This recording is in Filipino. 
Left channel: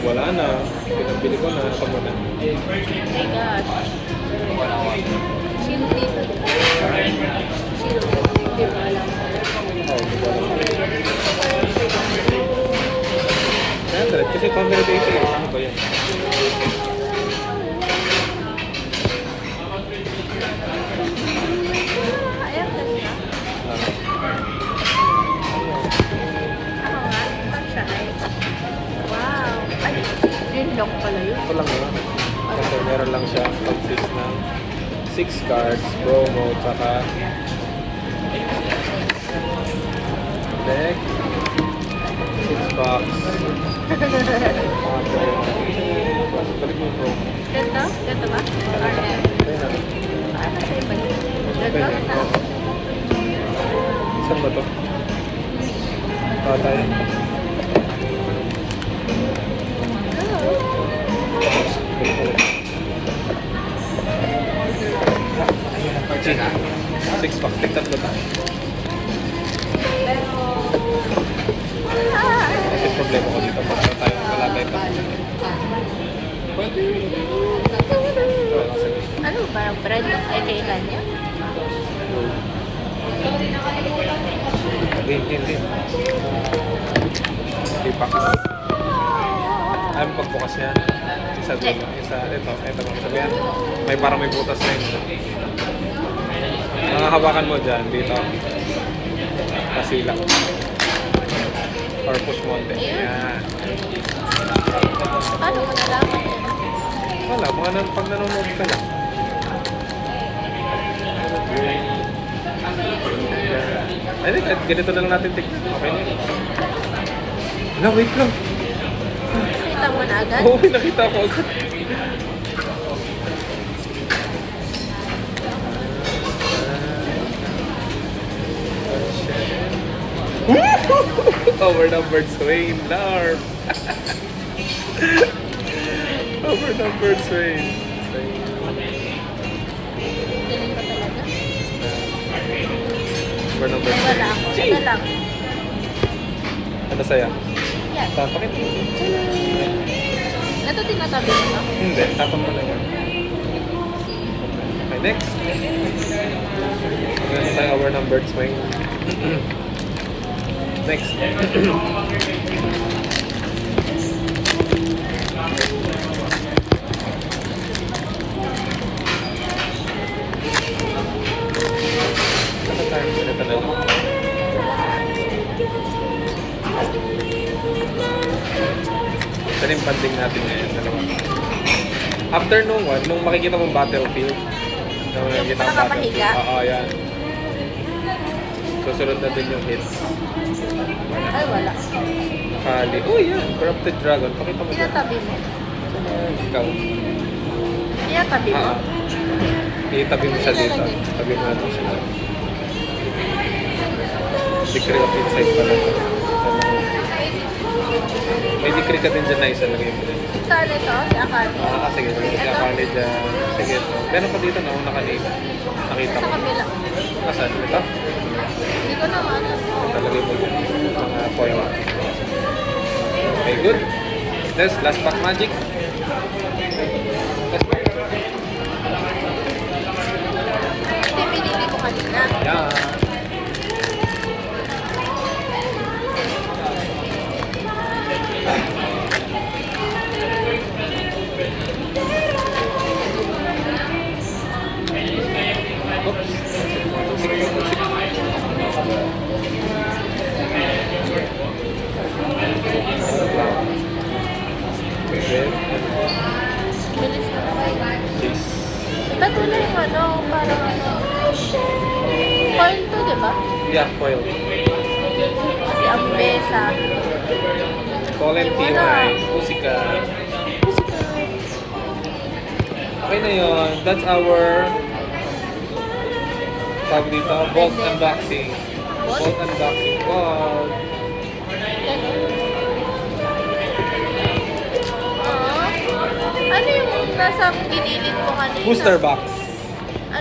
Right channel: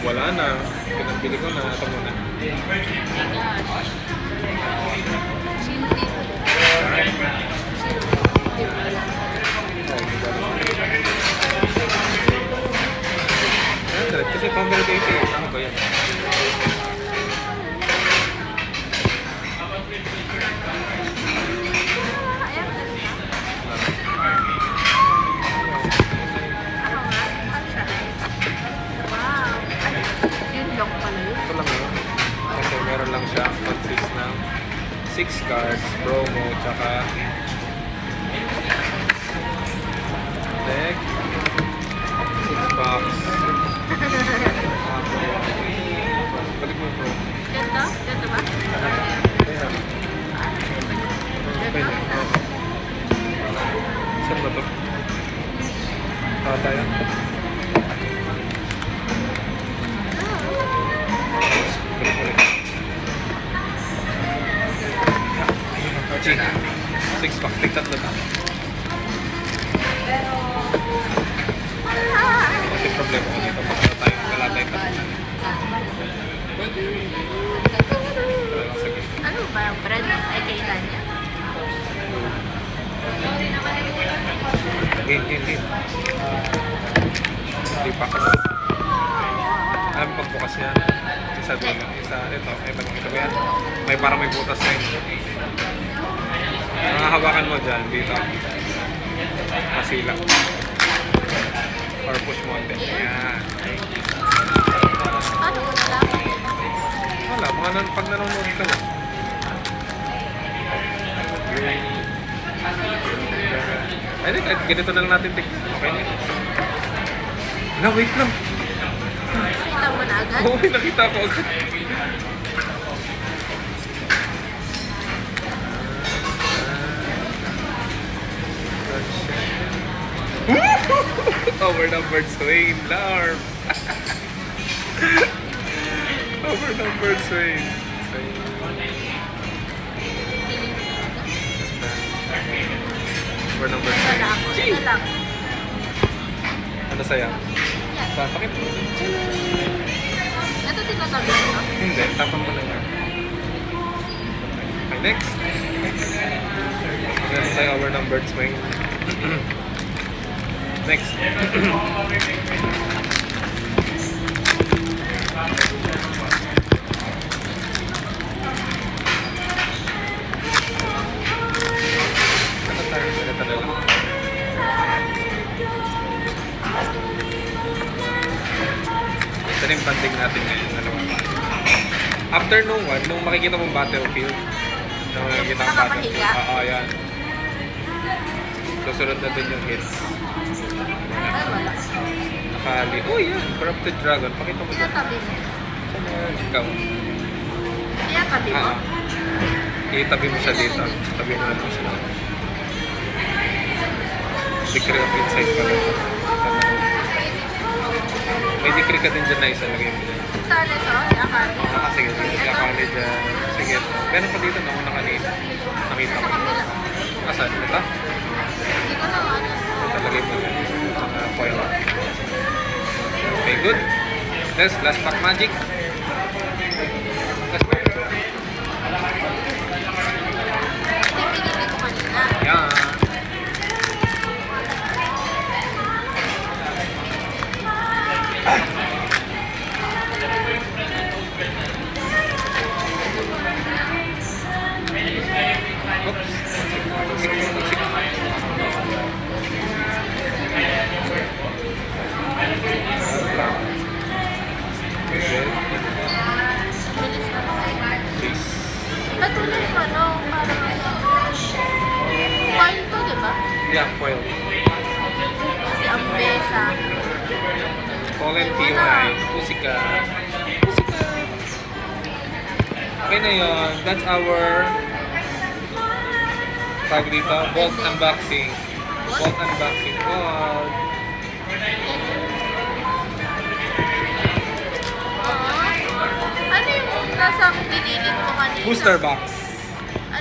wala na. Pinabili ko na. Ito muna. Oh my gosh. Sino dito? Sino? Hindi mo alam. Oh, di ba naman. Yan, kasi family dito. Ano ba yan? Wow! Ay, yun lang pala yun. Ito lang yun. Kasi meron lang siya consist ng 6 cards, promo, tsaka deck, 6 box. Balik mo yung promo. Ito? Ito ba? Ayun na. Ito? Oo. Saan ba ito? Tayo. G. 6 packs. Tigtat na ba? Kasi problema ko dito. Para tayong galatay pa. Talagang sa gitna. Ano ba? Bread? Ay, kailan yan? Game. 3 packs. Alam pagbukas yan. Isa dulo. Isa, ito ba yan? May parang may butas na yun. Nakahawakan mo dyan, dito. Kasila. Or push mo din. Yan. Paano mo nalaman? Wala, pag nanonood ka lang. I think ganito na lang natin tignan. Okay na yun. Wala, wait lang. Nakita mo na agad? Oo, nakita ko agad. Overnumbered Swain, Larp. Overnumbered Swain. Piling ko talaga. Overnumbered Wala Swain. ako. Sige lang. Ano saya? Yan. Tapakit mo. Ito tinatabi mo? Hindi, tapan mo lang yan. Okay, next. Meron tayo overnumbered Swain. Next. Ano tayo? Ito na lang. Ito na yung banding natin ngayon. Dalawa. After nung one, nung makikita mong battlefield, nung makikita mong battlefield, oo, yan. Susunod na din yung hits. Ay, wala. Nakali. Oh, yan. Corrupted Dragon. Pakita mo dyan. Tinatabi mo? Ikaw. Tinatabi mo? Itabi mo siya dito. Tabi mo natin siya. Decree of Insight pala. May decree ka din dyan na isa. Lagay mo dyan. Saan ito? Si Akali? Sige. Si Akali dyan. Sige. Meron pa dito na una kanina. Nakita Sa ko. kabila. Nasaan? Ito? Hindi ko na ano. Ito lagay mo dyan. Mga foil. Okay, good. Next, last pack magic. Last pack. Ito yung pinili ko kanina. Yan. Oops. Bilis na ako. Please. Ito na yung ano, parang ano. Coin to, di ba? Yeah, foil. Si Ambesa. Fallen TY. Pusika. Okay na yun. That's our tag dito. Vault unboxing. Vault unboxing. Vault. Ano yung nasa gilid ko kanina? Booster box.